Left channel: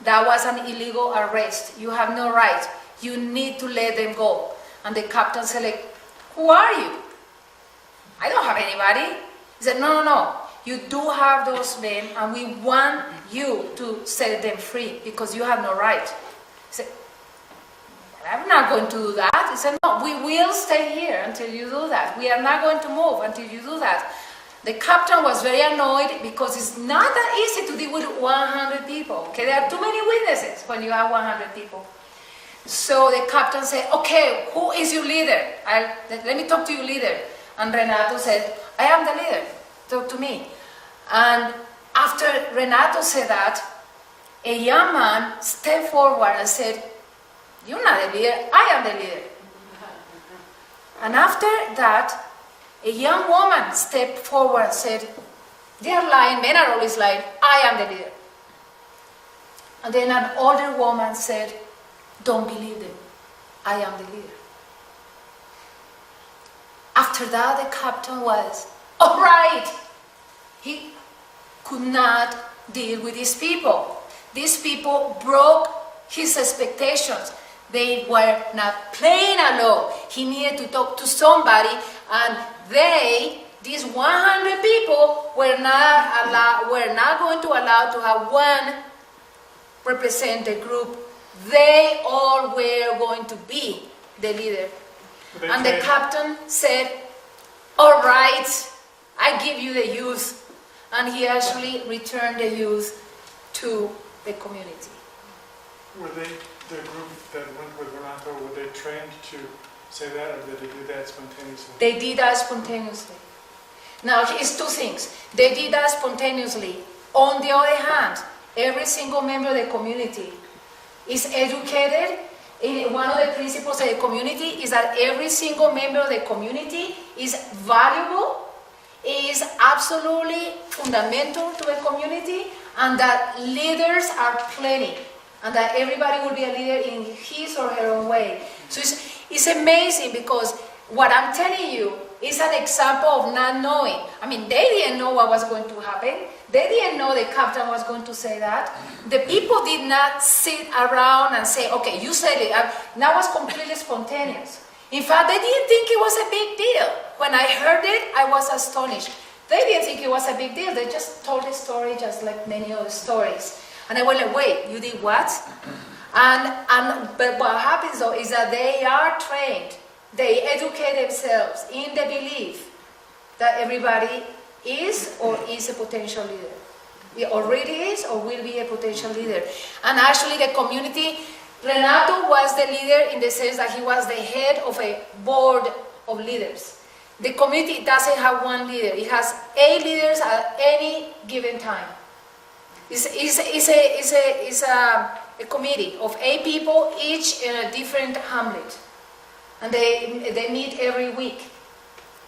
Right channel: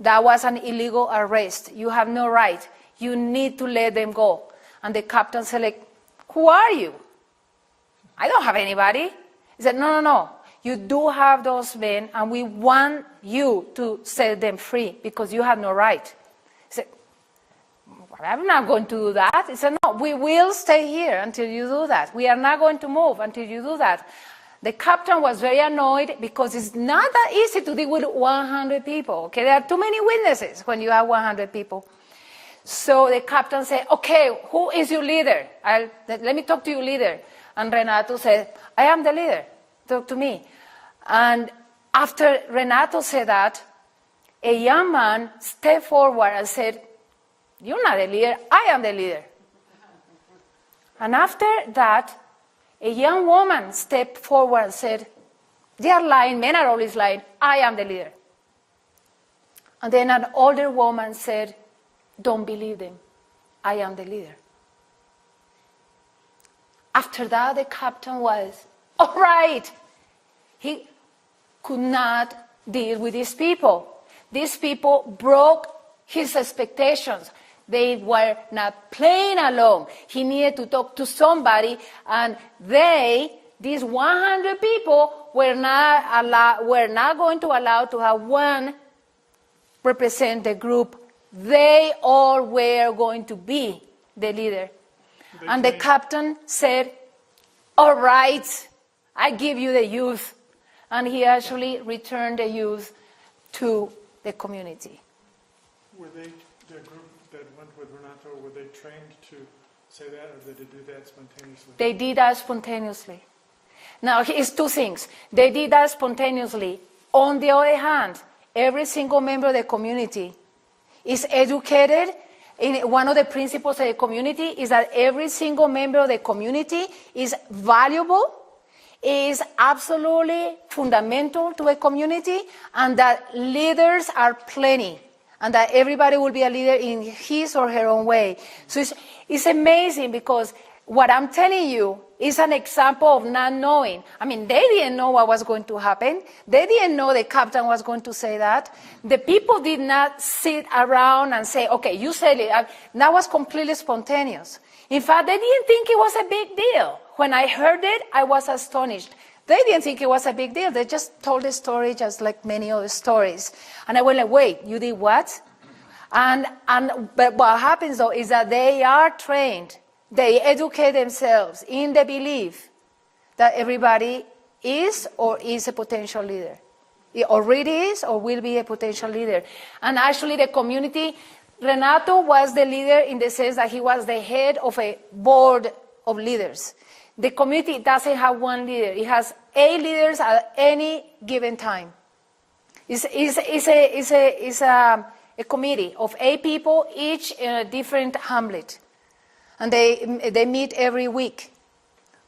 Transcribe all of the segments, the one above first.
That was an illegal arrest. You have no right. You need to let them go. And the captain said, like, who are you? I don't have anybody. He said, no. You do have those men, and we want you to set them free because you have no right. He said, I'm not going to do that. He said, no, we will stay here until you do that. We are not going to move until you do that. The captain was very annoyed because it's not that easy to deal with 100 people. Okay, there are too many witnesses when you have 100 people. So the captain said, okay, who is your leader? Let me talk to your leader. And Renato said, I am the leader. Talk to me. And after Renato said that, a young man stepped forward and said, you're not the leader, I am the leader. And after that, a young woman stepped forward and said, they are lying, men are always lying, I am the leader. And then an older woman said, don't believe them, I am the leader. After that, the captain was, all right. He could not deal with these people. These people broke his expectations. They were not playing alone. He needed to talk to somebody, and these 100 people, were not going to allow to have one represent the group. They all were going to be the leader. And the captain said, all right, I give you the youth. And he actually returned the youth to the community. Were they, the group that went with Renato, were they trained to say that, or did they do that spontaneously? They did that spontaneously. Now, it's two things. They did that spontaneously. On the other hand, every single member of the community is educated. One of the principles of the community is that every single member of the community is valuable, is absolutely fundamental to a community, and that leaders are plenty, and that everybody will be a leader in his or her own way. So it's amazing, because what I'm telling you is an example of not knowing. I mean, they didn't know what was going to happen. They didn't know the captain was going to say that. The people did not sit around and say, okay, you said it. That was completely spontaneous. In fact, they didn't think it was a big deal. When I heard it, I was astonished. They didn't think it was a big deal. They just told the story just like many other stories. And I went like, wait, you did what? But what happens though is that they are trained. They educate themselves in the belief that everybody is or is a potential leader. It already is or will be a potential leader. And actually the community, Renato was the leader in the sense that he was the head of a board of leaders. The community doesn't have one leader. It has 8 leaders at any given time. It's a committee of 8 people, each in a different hamlet. And they meet every week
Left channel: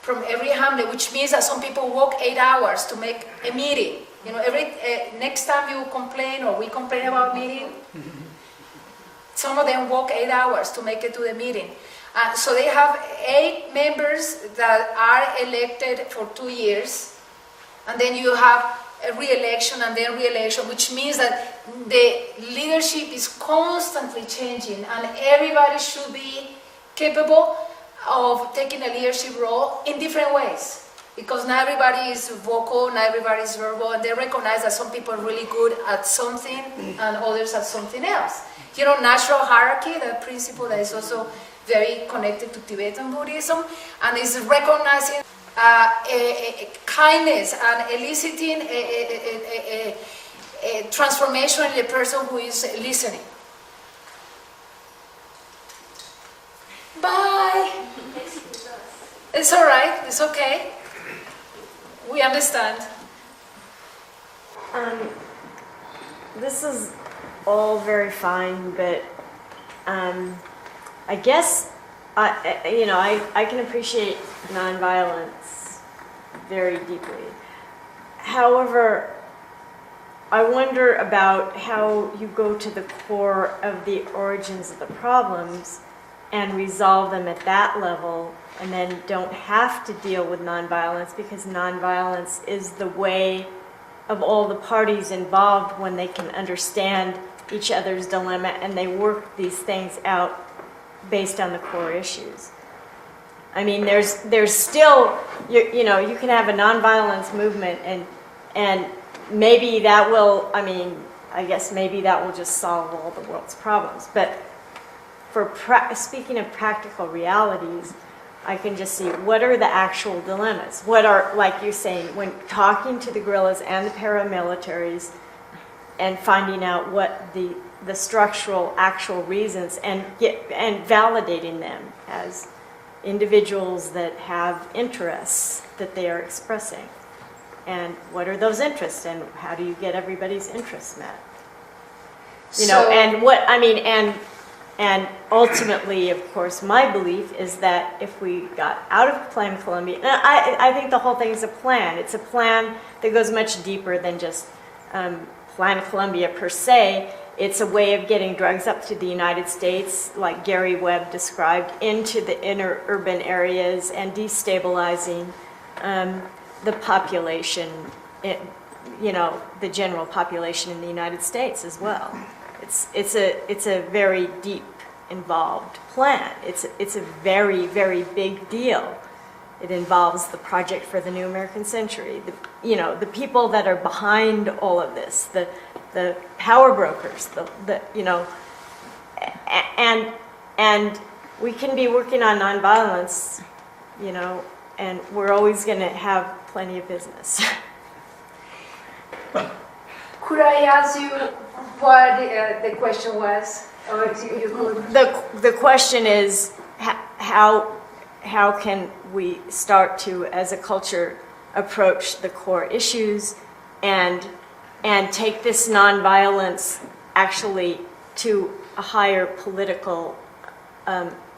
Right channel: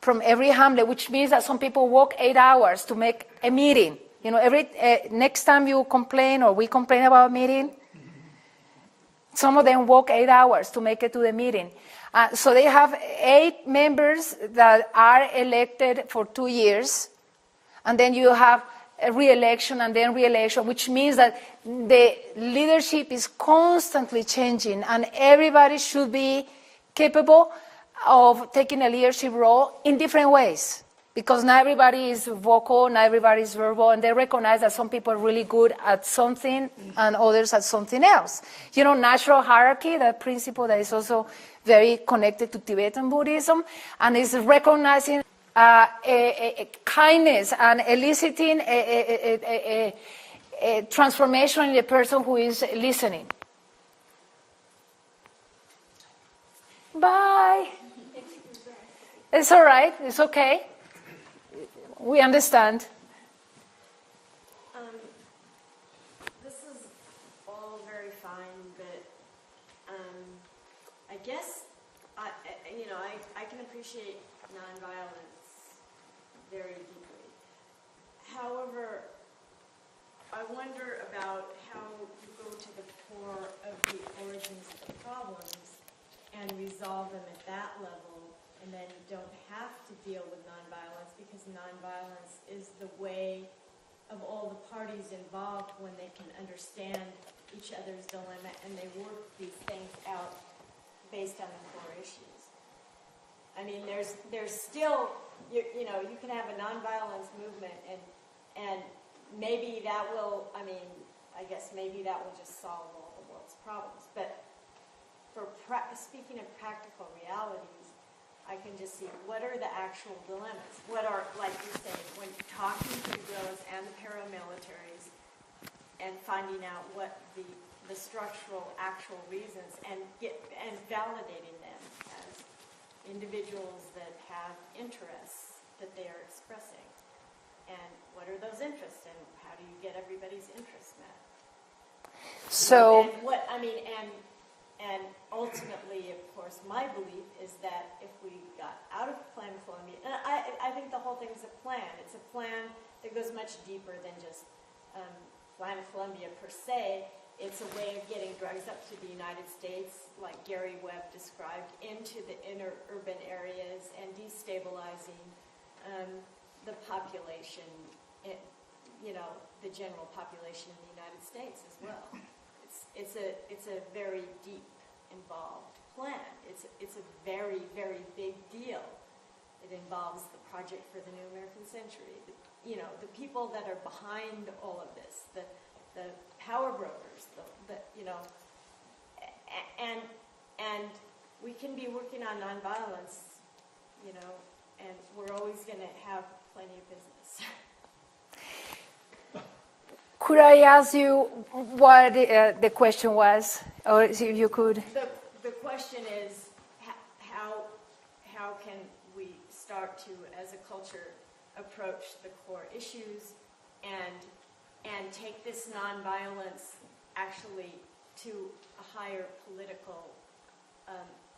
from every hamlet, which means that some people walk 8 hours to make a meeting. You know, next time you complain or we complain about a meeting, some of them walk 8 hours to make it to the meeting. So they have 8 members that are elected for 2 years, and then you have a re-election and then re-election, which means that the leadership is constantly changing, and everybody should be capable of taking a leadership role in different ways. Because not everybody is vocal, not everybody is verbal, and they recognize that some people are really good at something and others at something else. You know, natural hierarchy, that principle that is also very connected to Tibetan Buddhism, and is recognizing kindness and eliciting a transformation in the person who is listening. Bye. It's all right. It's okay. We understand. This is all very fine, but I guess I can appreciate nonviolence very deeply. However, I wonder about how you go to the core of the origins of the problems and resolve them at that level, and then don't have to deal with nonviolence, because nonviolence is the way of all the parties involved when they can understand each other's dilemma and they work these things out based on the core issues. I mean, there's still, you know, you can have a nonviolence movement and maybe that will, I mean, I guess maybe that will just solve all the world's problems. But for speaking of practical realities, I can just see what are the actual dilemmas. What are, like you're saying, when talking to the guerrillas and the paramilitaries and finding out what the structural actual reasons and validating them as individuals that have interests that they are expressing. And what are those interests and how do you get everybody's interests met? You know, and what, I mean, and ultimately, of course, my belief is that if we got out of Plan Colombia, and I think the whole thing is a plan. It's a plan that goes much deeper than just Plan Colombia per se. It's a way of getting drugs up to the United States, like Gary Webb described, into the inner urban areas and destabilizing the population, you know, the general population in the United States as well. It's a very deep, involved plan. It's a very, very big deal. It involves the Project for the New American Century. You know, the people that are behind all of this, the power brokers, you know, and we can be working on nonviolence, you know, and we're always going to have plenty of business. Could I ask you what the question was, or if you could? The question is how can we start to, as a culture, approach the core issues and take this nonviolence actually to a higher political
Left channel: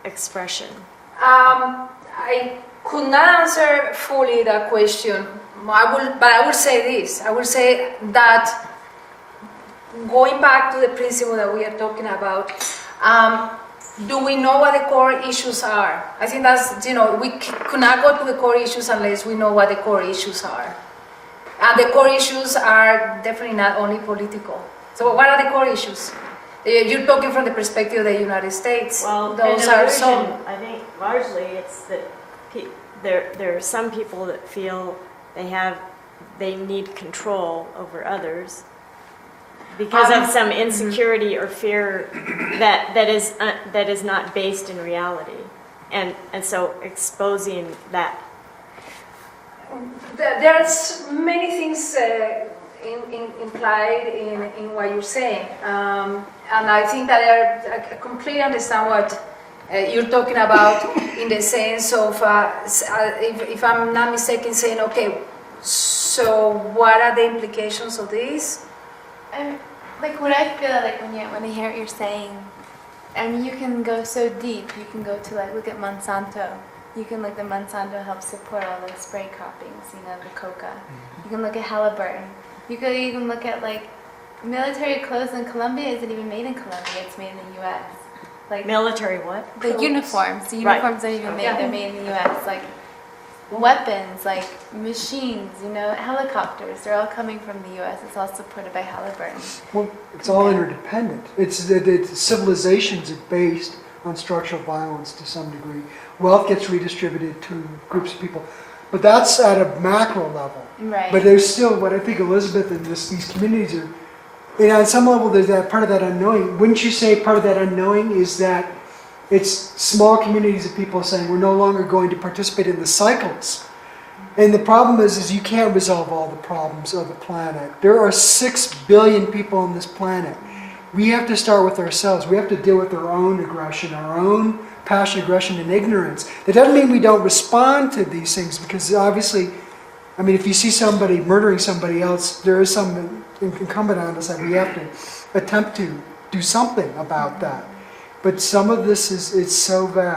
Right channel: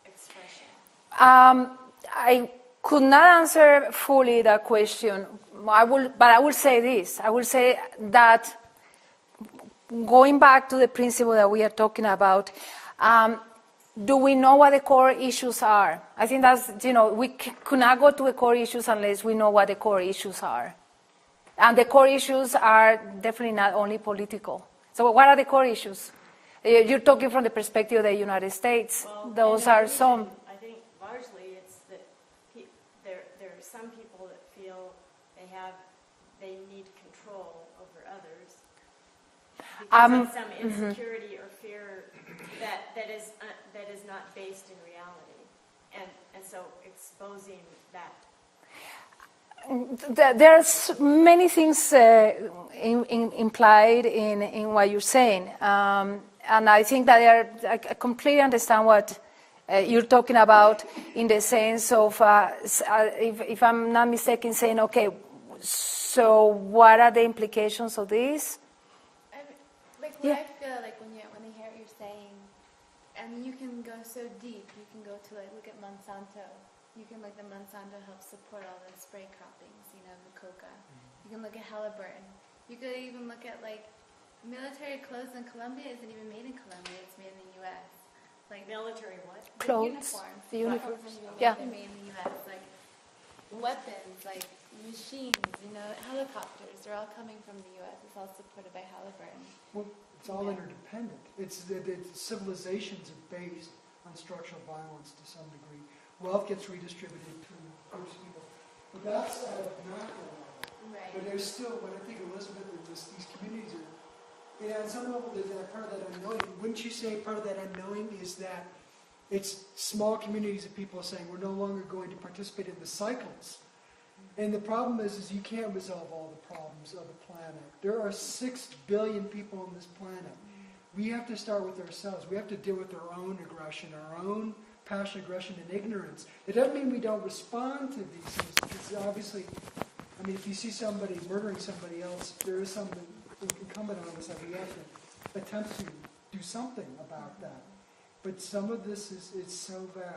expression? I could not answer fully that question. But I will say this. I will say that going back to the principle that we are talking about, do we know what the core issues are? I think that's, you know, we could not go to the core issues unless we know what the core issues are. And the core issues are definitely not only political. So what are the core issues? You're talking from the perspective of the United States. Well, those are some. I think largely it's that there are some people that feel they need control over others because of some insecurity or fear that is not based in reality, and so exposing that. There's many things implied in what you're saying, and I think that I completely understand what you're talking about in the sense of, if I'm not mistaken, saying, okay, so what are the implications of this? Like what I feel like when I hear what you're saying, I mean, you can go so deep. You can go to like look at Monsanto. You can look at Monsanto helps support all the spray croppings, you know, the coca. You can look at Halliburton. You could even look at like military clothes in Colombia isn't even made in Colombia. It's made in the U.S. Like Military what? the uniforms. The uniforms aren't even made. They're made in the U.S. Like weapons, like machines, you know, helicopters. They're all coming from the U.S. It's all supported by Halliburton. Well, it's all interdependent. The civilizations are based on structural violence to some degree. Wealth gets redistributed to groups of people. But that's at a macro level. Right. But there's still, what I think Elizabeth and these communities are, you know, on some level there's that part of that unknowing. Wouldn't you say part of that unknowing is that it's small communities of people saying we're no longer going to participate in the cycles. And the problem is you can't resolve all the problems of the planet. There are 6 billion people on this planet. We have to start with ourselves. We have to deal with our own aggression, our own passion, aggression, and ignorance. That doesn't mean we don't respond to these things, because obviously, I mean, if you see somebody murdering somebody else, there is some incumbent on us that we have to attempt to do something about that. But some of this is so vast.